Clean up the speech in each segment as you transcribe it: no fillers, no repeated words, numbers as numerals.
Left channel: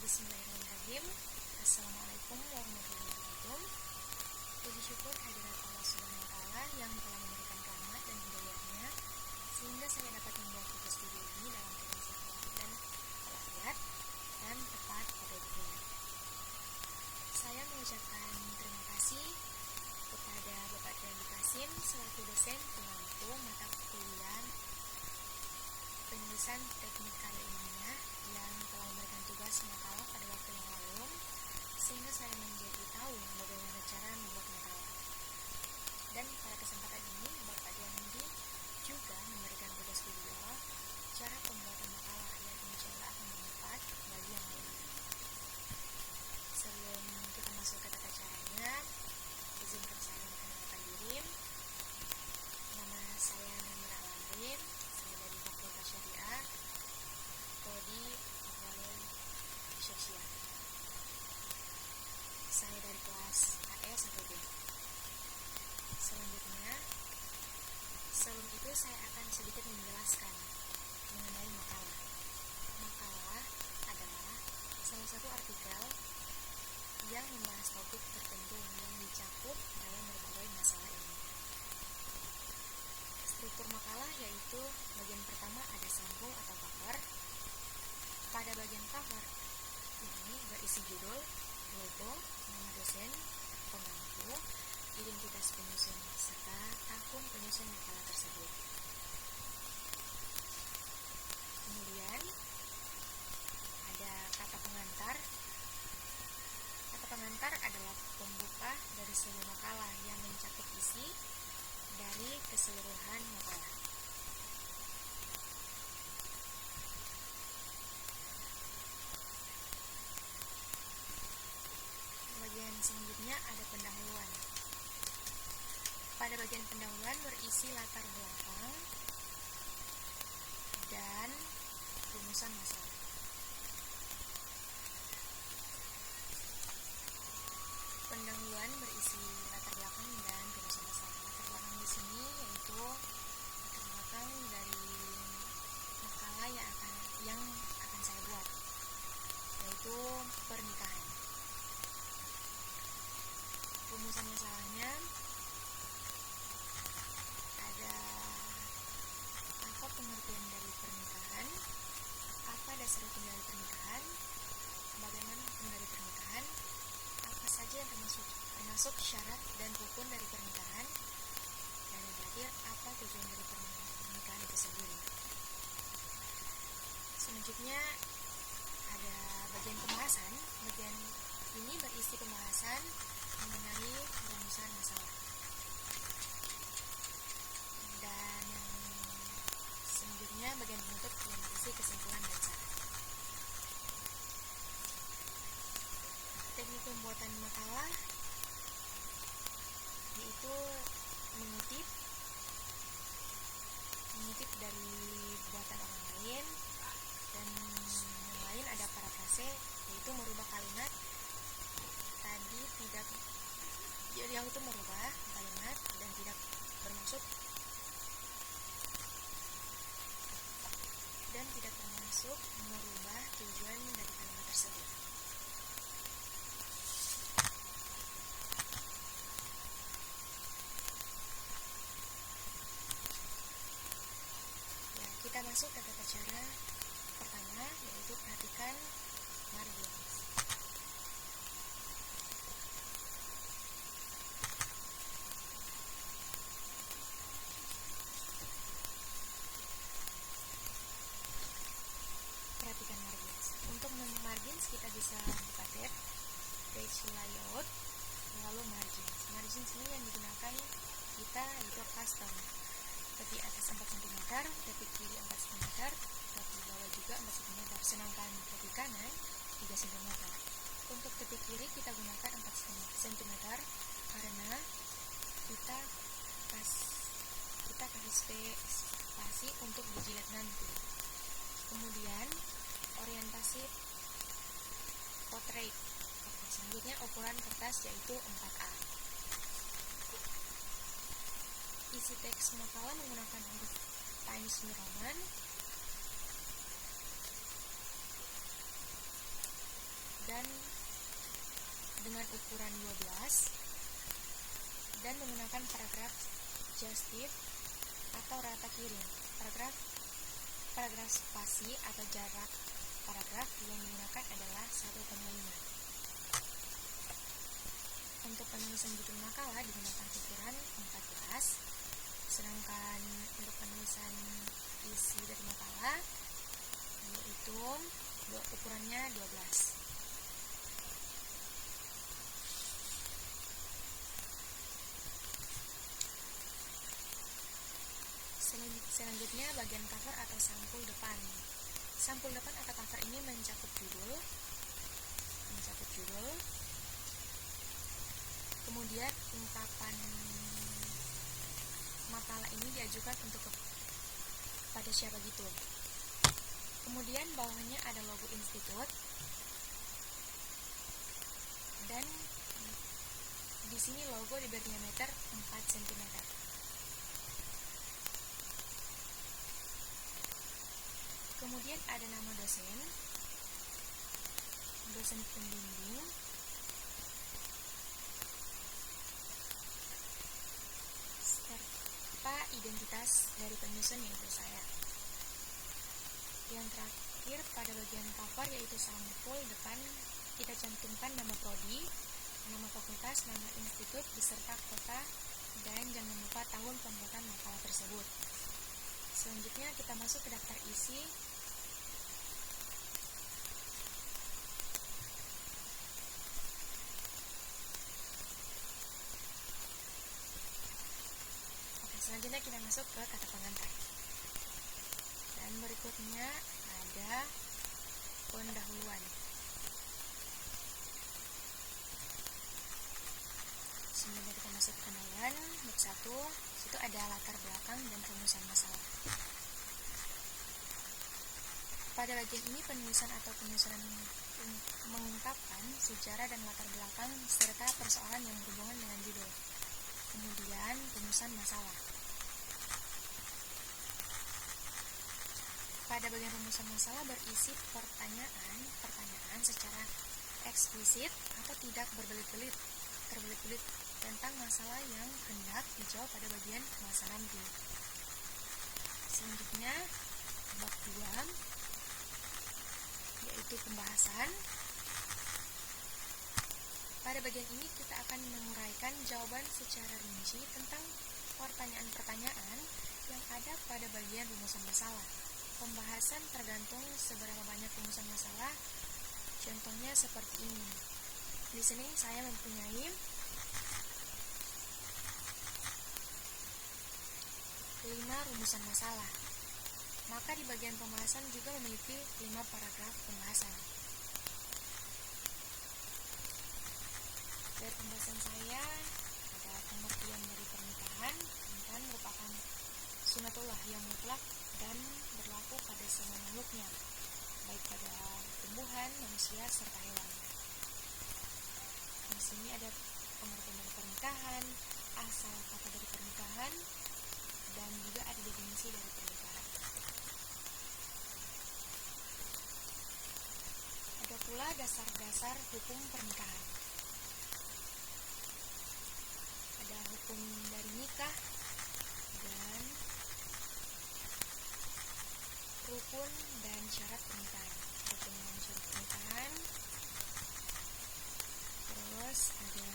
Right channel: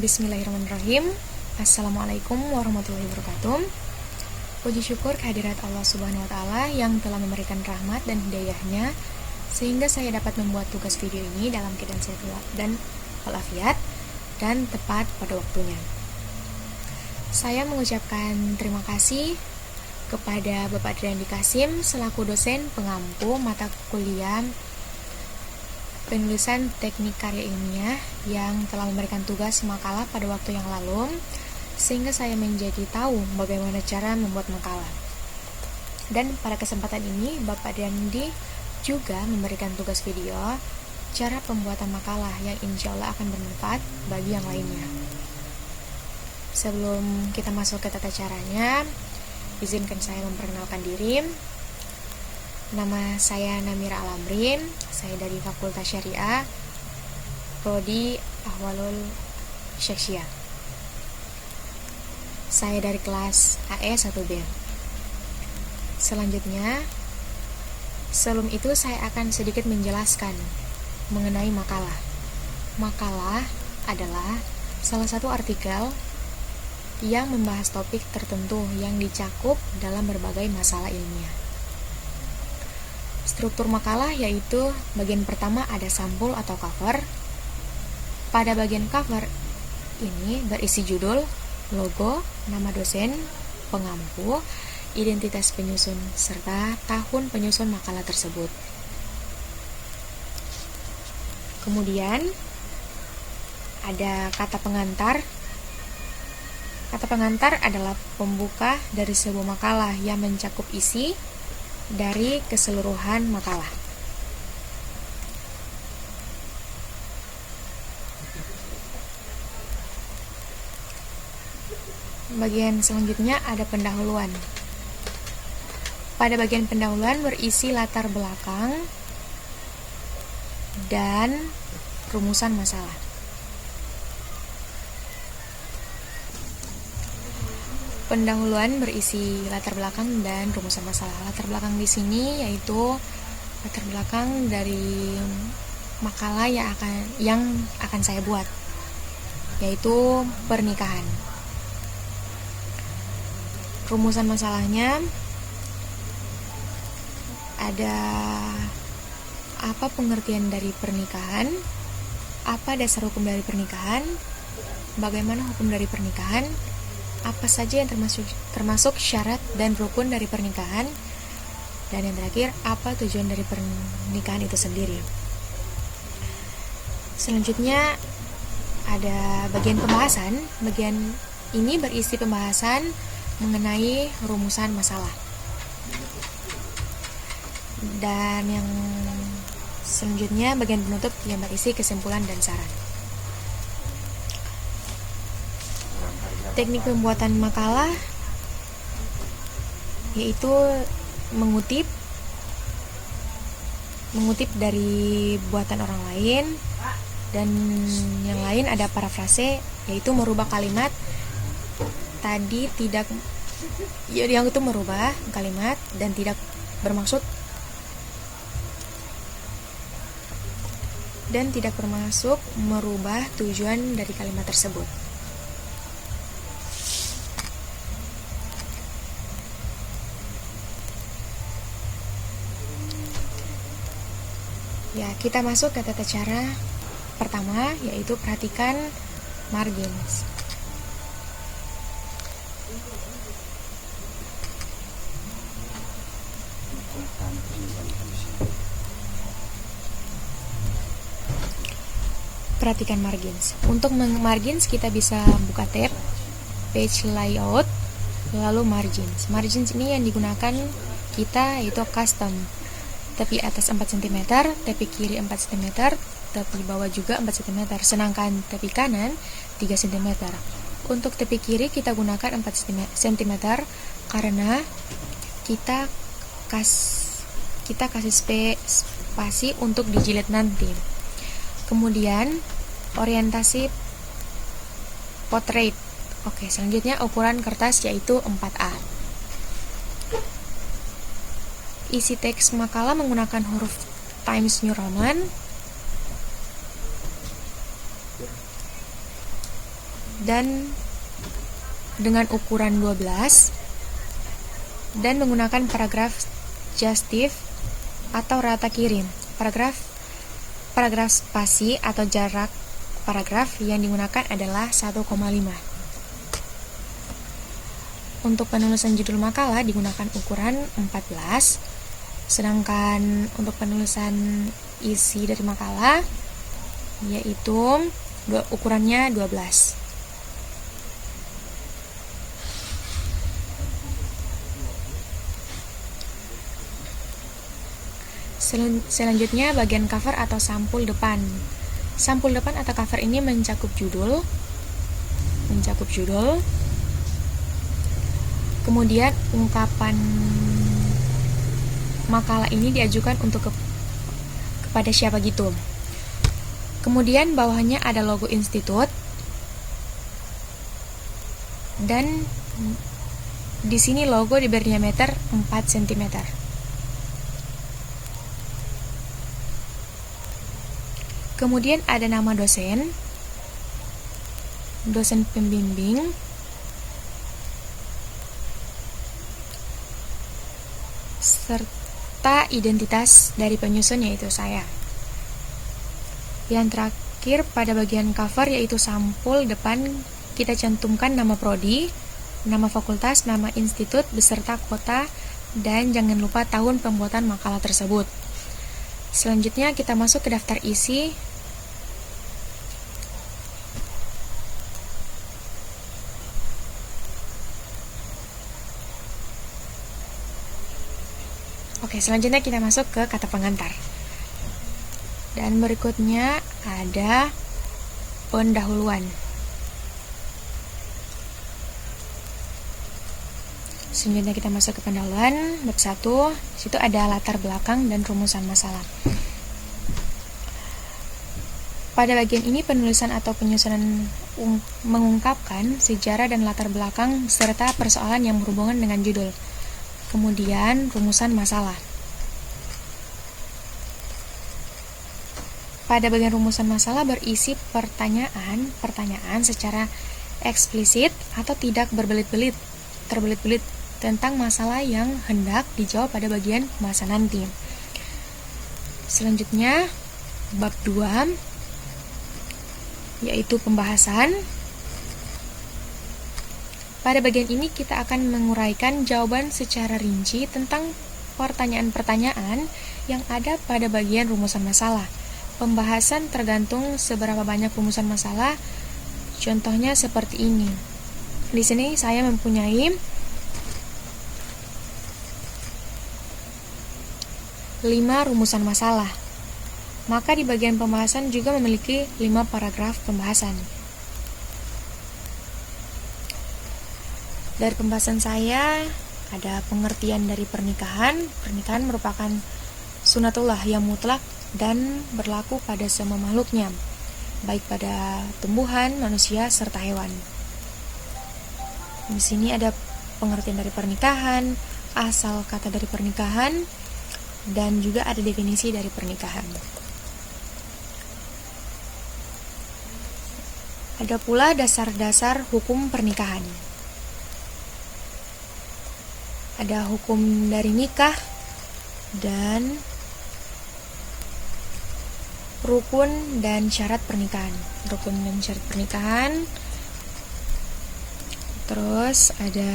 Bismillahirrahmanirrahim. Assalamualaikum warahmatullahi wabarakatuh. Puji syukur kehadirat Allah Subhanahu wa Ta'ala yang telah memberikan rahmat dan hidayahnya sehingga saya dapat membuat tugas video ini dalam keadaan sehat dan walafiat dan tepat pada waktunya. Saya mengucapkan terima kasih kepada Bapak Driyandi Kasim selaku dosen pengampu mata kuliah penulisan teknik karya ilmiah yang telah memberikan tugas makalah pada waktu yang lalu sehingga saya menjadi tahu bagaimana cara membuat makalah. Dan pada kesempatan ini Bapak Driyandi juga memberikan tugas video cara pembuatan makalah yang insya Allah akan bermanfaat bagi yang lainnya. Sebelum kita masuk ke tata caranya, izinkan saya memperkenalkan diri. Nama saya Namira Alamrin, saya dari Fakultas Syariah, Prodi Ahwalul Syekhsiyah. Saya dari kelas AE 1B. Selanjutnya, sebelum itu saya akan sedikit menjelaskan mengenai makalah. Makalah adalah salah satu artikel yang membahas topik tertentu yang dicakup dalam berbagai masalah ilmiah. Struktur makalah yaitu bagian pertama ada sampul atau cover. Pada bagian cover ini berisi judul, logo, nama dosen, pengampu, identitas penyusun, serta tahun penyusun makalah tersebut. Kemudian ada kata pengantar. Kata pengantar adalah pembuka dari sebuah makalah yang mencakup isi dari keseluruhan makalah. Bagian selanjutnya ada pendahuluan. Pada bagian pendahuluan berisi latar belakang dan rumusan masalah. Pendahuluan berisi latar belakang dan rumusan masalah. Latar belakang di sini yaitu latar belakang dari makalah yang akan saya buat, yaitu pernikahan. Rumusan masalahnya ada apa pengertian dari pernikahan, apa dasar hukum dari pernikahan, bagaimana hukum dari pernikahan, apa saja yang termasuk syarat dan rukun dari pernikahan, dan yang terakhir apa tujuan dari pernikahan itu sendiri. Selanjutnya ada bagian pembahasan. Bagian ini berisi pembahasan mengenai rumusan masalah. Dan yang selanjutnya bagian penutup yang berisi kesimpulan dan saran. Teknik pembuatan makalah yaitu mengutip dari buatan orang lain, dan yang lain ada parafrase, yaitu merubah kalimat tadi yang itu merubah kalimat dan tidak bermaksud merubah tujuan dari kalimat tersebut. Ya, kita masuk ke tata cara pertama, yaitu perhatikan margins. Perhatikan margins. Untuk margins kita bisa buka tab page layout, lalu margins. Margins ini yang digunakan kita yaitu custom. Tepi atas 4 cm, tepi kiri 4 cm, tepi bawah juga 4 cm, sedangkan tepi kanan 3 cm. Untuk tepi kiri kita gunakan 4 cm karena kita kasih spasi untuk dijilid nanti. Kemudian orientasi portrait. Oke, selanjutnya ukuran kertas yaitu 4A. Isi teks makalah menggunakan huruf Times New Roman. dan dengan ukuran 12 dan menggunakan paragraf justif atau rata kirim. Paragraf spasi atau jarak paragraf yang digunakan adalah 1,5. Untuk penulisan judul makalah digunakan ukuran 14, sedangkan untuk penulisan isi dari makalah yaitu ukurannya 12. Selanjutnya bagian cover atau sampul depan. Sampul depan atau cover ini mencakup judul. Kemudian ungkapan makalah ini diajukan untuk kepada siapa gitu. Kemudian bawahnya ada logo institut. Dan di sini logo diberi diameter 4 cm. Kemudian ada nama dosen pembimbing, serta identitas dari penyusun yaitu saya. Yang terakhir pada bagian cover yaitu sampul depan, kita cantumkan nama prodi, nama fakultas, nama institut, beserta kota, dan jangan lupa tahun pembuatan makalah tersebut. Selanjutnya kita masuk ke daftar isi. Oke, selanjutnya kita masuk ke kata pengantar. Dan berikutnya ada pendahuluan. Selanjutnya kita masuk ke pendahuluan bab 1. Situ ada latar belakang dan rumusan masalah. Pada bagian ini penulisan atau penyusunan mengungkapkan sejarah dan latar belakang serta persoalan yang berhubungan dengan judul. Kemudian rumusan masalah. Pada bagian rumusan masalah berisi pertanyaan secara eksplisit atau tidak terbelit-belit tentang masalah yang hendak dijawab pada bagian pembahasan nanti. Selanjutnya bab 2 yaitu pembahasan. Pada bagian ini kita akan menguraikan jawaban secara rinci tentang pertanyaan-pertanyaan yang ada pada bagian rumusan masalah. Pembahasan tergantung seberapa banyak rumusan masalah. Contohnya seperti ini. Di sini saya mempunyai 5 rumusan masalah. Maka di bagian pembahasan juga memiliki 5 paragraf pembahasan. Dari pembahasan saya ada pengertian dari pernikahan. Pernikahan merupakan sunatullah yang mutlak dan berlaku pada semua makhluknya, baik pada tumbuhan, manusia, serta hewan. Di sini ada pengertian dari pernikahan, asal kata dari pernikahan, dan juga ada definisi dari pernikahan. Ada pula dasar-dasar hukum pernikahan. Ada hukum dari nikah dan rukun dan syarat pernikahan. Rukun dan syarat pernikahan. Terus ada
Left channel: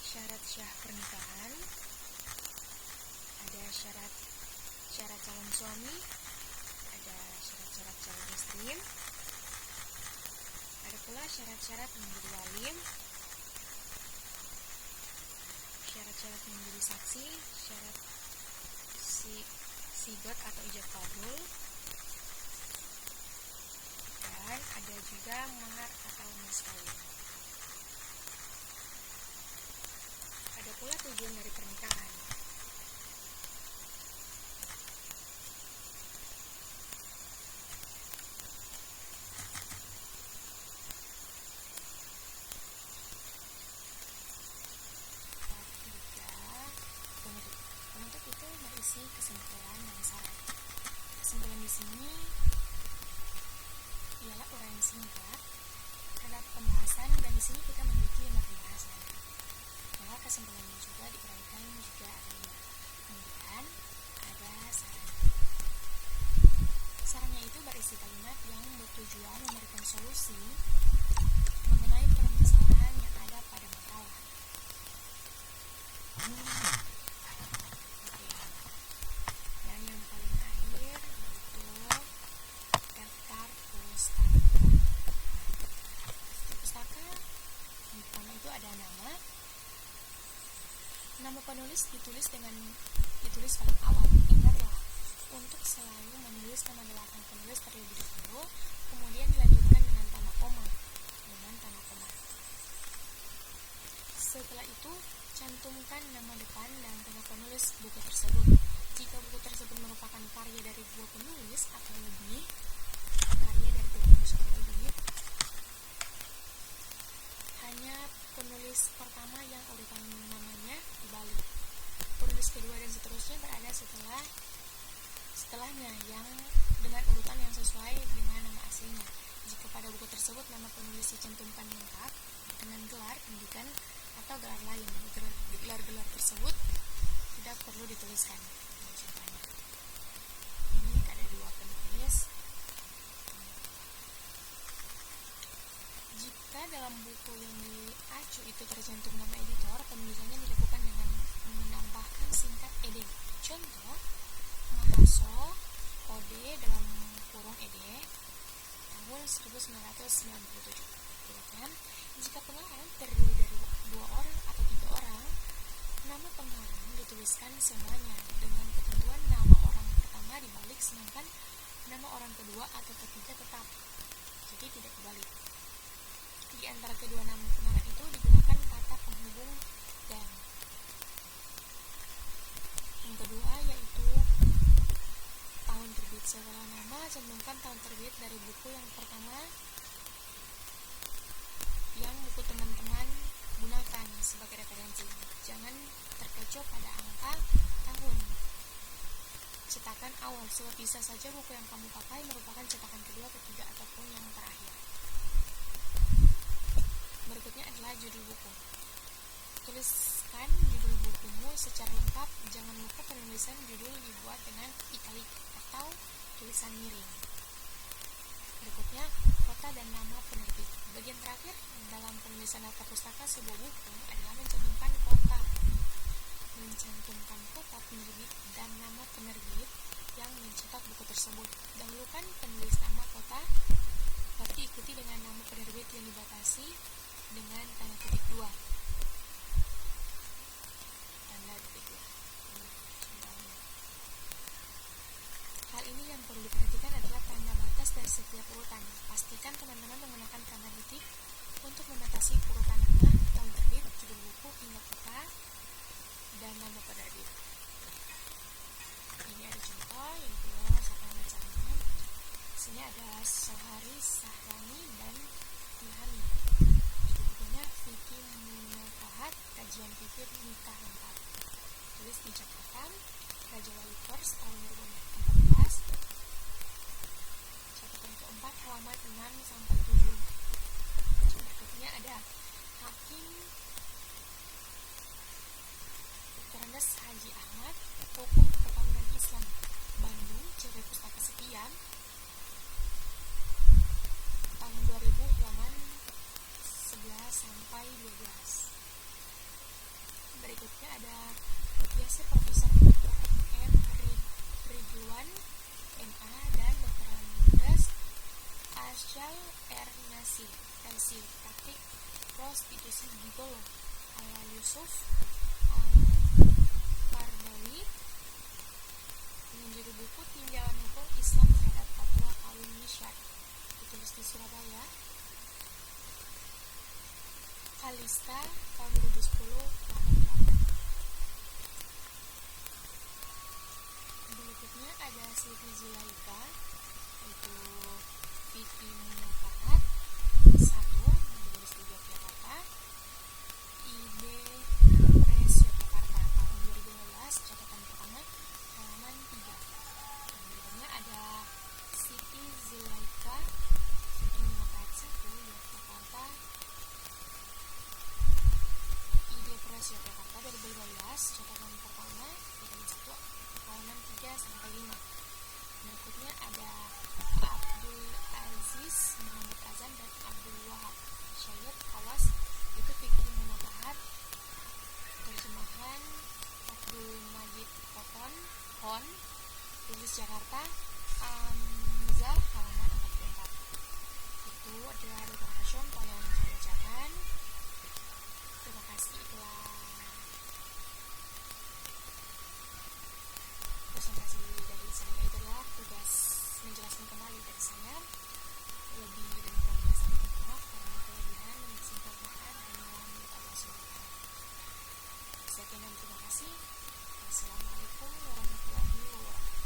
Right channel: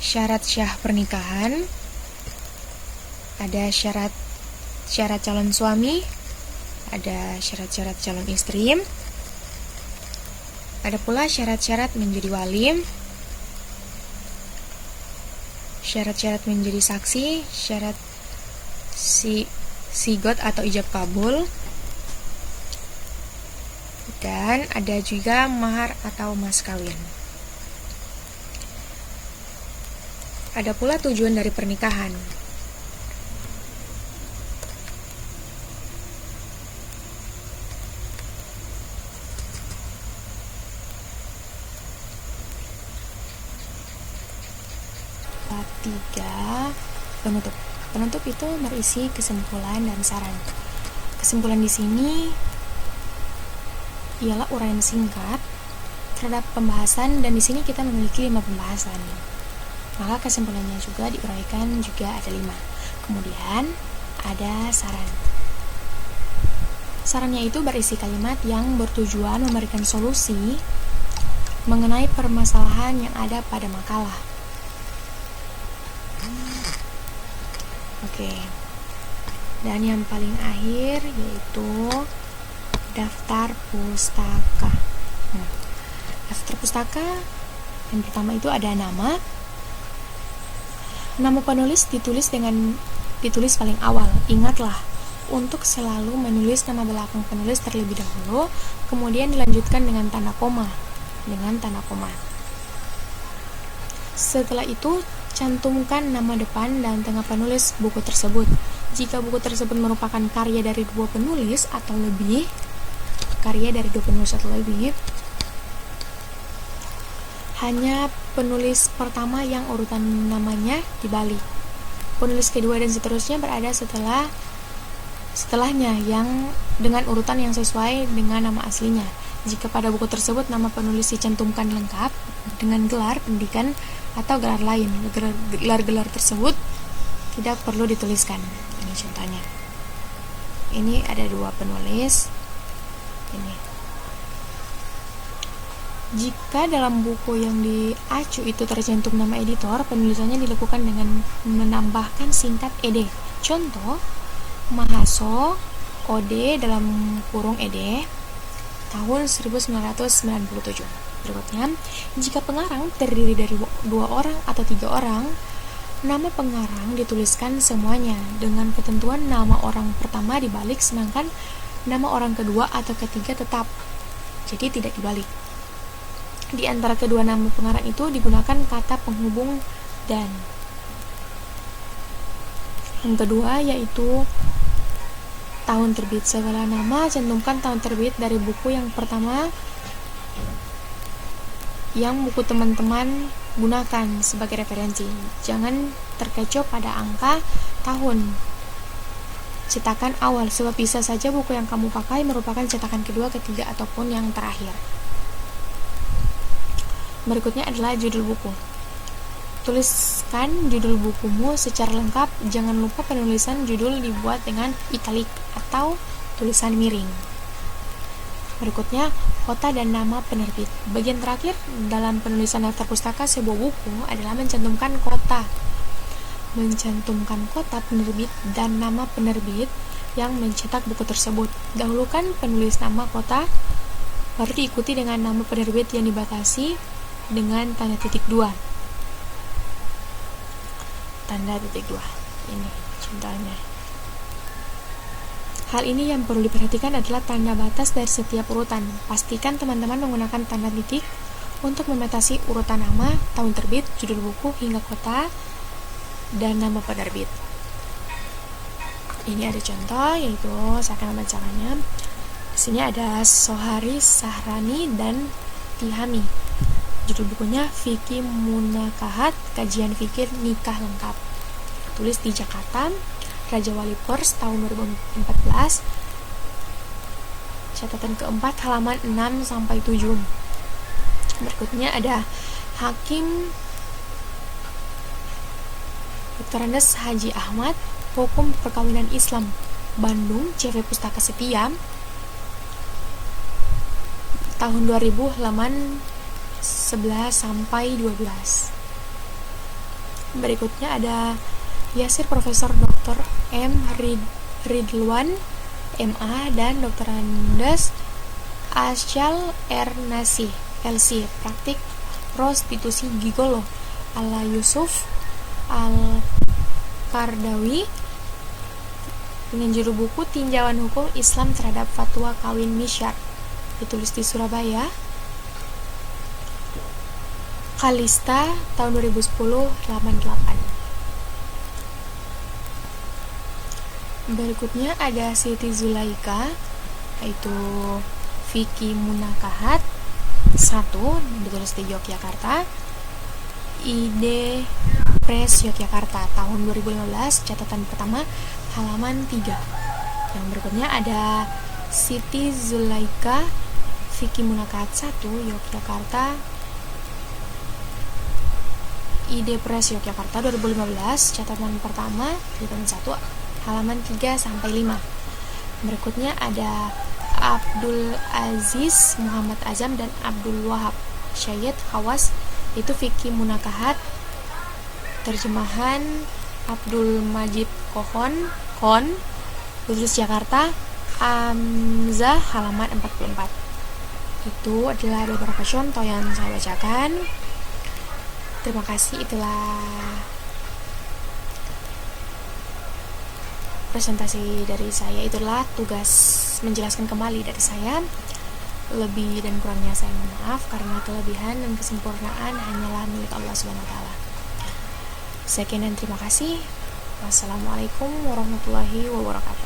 syarat syah pernikahan. Ada syarat calon suami. Ada syarat-syarat calon istri. Ada pula syarat-syarat menjadi wali, syarat-syarat menjadi saksi, syarat sigot atau ijab kabul, dan ada juga mahar atau mas kawin. Ada pula tujuan dari pernikahan. Bab 3, penutup. Penutup itu berisi kesimpulan dan saran. kesimpulan di sini ialah uraian singkat terhadap pembahasan, dan di sini kita memiliki 5 pembahasan. Maka kesimpulannya juga diuraikan juga ada 5. Kemudian ada saran. Sarannya itu berisi kalimat yang bertujuan memberikan solusi mengenai permasalahan yang ada pada makalah. Oke. Dan yang paling akhir yaitu daftar pustaka. Daftar pustaka yang pertama itu ada nama. Nama penulis ditulis paling awal. Ingatlah untuk selalu menulis nama belakang penulis terlebih dahulu, kemudian dilanjutkan dengan tanda koma. Setelah itu, cantumkan nama depan dan tengah penulis buku tersebut. Jika buku tersebut merupakan karya dari dua penulis atau lebih, hanya penulis pertama yang urutan namanya dibalik. Penulis kedua dan seterusnya berada setelahnya yang dengan urutan yang sesuai dengan nama aslinya. Jika pada buku tersebut nama penulis dicantumkan lengkap dengan gelar pendidikan atau gelar lain, gelar-gelar tersebut tidak perlu dituliskan. Ini contohnya. Ini ada 2 penulis. Ini. Jika dalam buku yang diacu itu tercantum nama editor, penulisannya dilakukan dengan menambahkan singkat ed. Contoh, Mahaso Ode dalam kurung ed tahun 1997. Berikutnya, jika pengarang terdiri dari 2 orang atau 3 orang, nama pengarang dituliskan semuanya dengan ketentuan nama orang pertama dibalik, sedangkan nama orang kedua atau ketiga tetap, jadi tidak dibalik. Di antara kedua nama pengarang itu digunakan kata penghubung dan. Yang kedua yaitu tahun terbit. Setelah nama, cantumkan tahun terbit dari buku yang pertama yang buku teman-teman gunakan sebagai referensi. Jangan terkecoh pada angka tahun cetakan awal, sebab bisa saja buku yang kamu pakai merupakan cetakan kedua, ketiga, ataupun yang terakhir. Berikutnya adalah judul buku. Tuliskan judul bukumu secara lengkap. Jangan lupa penulisan judul dibuat dengan italik atau tulisan miring. Berikutnya, kota dan nama penerbit. Bagian terakhir dalam penulisan daftar pustaka sebuah buku adalah mencantumkan kota. Mencantumkan kota penerbit dan nama penerbit yang mencetak buku tersebut. Dahulukan penulis nama kota, baru diikuti dengan nama penerbit yang dibatasi dengan tanda titik 2. Ini contohnya. Hal ini yang perlu diperhatikan adalah tanda batas dari setiap urutan. Pastikan teman-teman menggunakan tanda titik untuk membatasi urutan nama, tahun terbit, judul buku, hingga kota dan nama penerbit. Ini ada contoh, yaitu saya akan membacakannya. Di sini ada Sohari Sahrani dan Tihami. Judul bukunya Fikih Munakahat, Kajian Fikir Nikah Lengkap. Tulis di Jakarta, Raja Wali Pers tahun 2014. Catatan keempat, halaman 6-7. Berikutnya ada Hakim Dr. Andes Haji Ahmad, Hukum Perkawinan Islam, Bandung, CV Pustaka Setia, tahun 2000, halaman 11-12. Berikutnya ada Yasir Profesor Dr. M. Ridwan MA dan Dr. Andes Asyal R. Nasih LC, Praktik Prostitusi Gigolo ala Yusuf Al-Kardawi, dengan judul buku Tinjauan Hukum Islam Terhadap Fatwa Kawin Misyar, ditulis di Surabaya. Kalista tahun 2010, halaman 8. Berikutnya ada Siti Zulaika, yaitu Fikih Munakahat 1, ditulis di Yogyakarta. Ide Press Yogyakarta tahun 2015, catatan pertama, halaman 3. Yang berikutnya ada Siti Zulaika Fikih Munakahat 1 Yogyakarta, ID Press Yogyakarta 2015, catatan pertama di tahun 1 halaman 3 sampai 5. Berikutnya ada Abdul Aziz Muhammad Azam dan Abdul Wahab Syed Hawas, itu Fikih Munakahat, terjemahan Abdul Majid Kon Kudus Jakarta, Amzah halaman 44. Itu adalah beberapa contoh yang saya bacakan. Terima kasih, itulah presentasi dari saya, itulah tugas menjelaskan kembali dari saya. Lebih dan kurangnya saya mohon maaf, karena kelebihan dan kesempurnaan hanyalah milik Allah Subhanahu wa taala. Sekian dan terima kasih. Wassalamualaikum warahmatullahi wabarakatuh.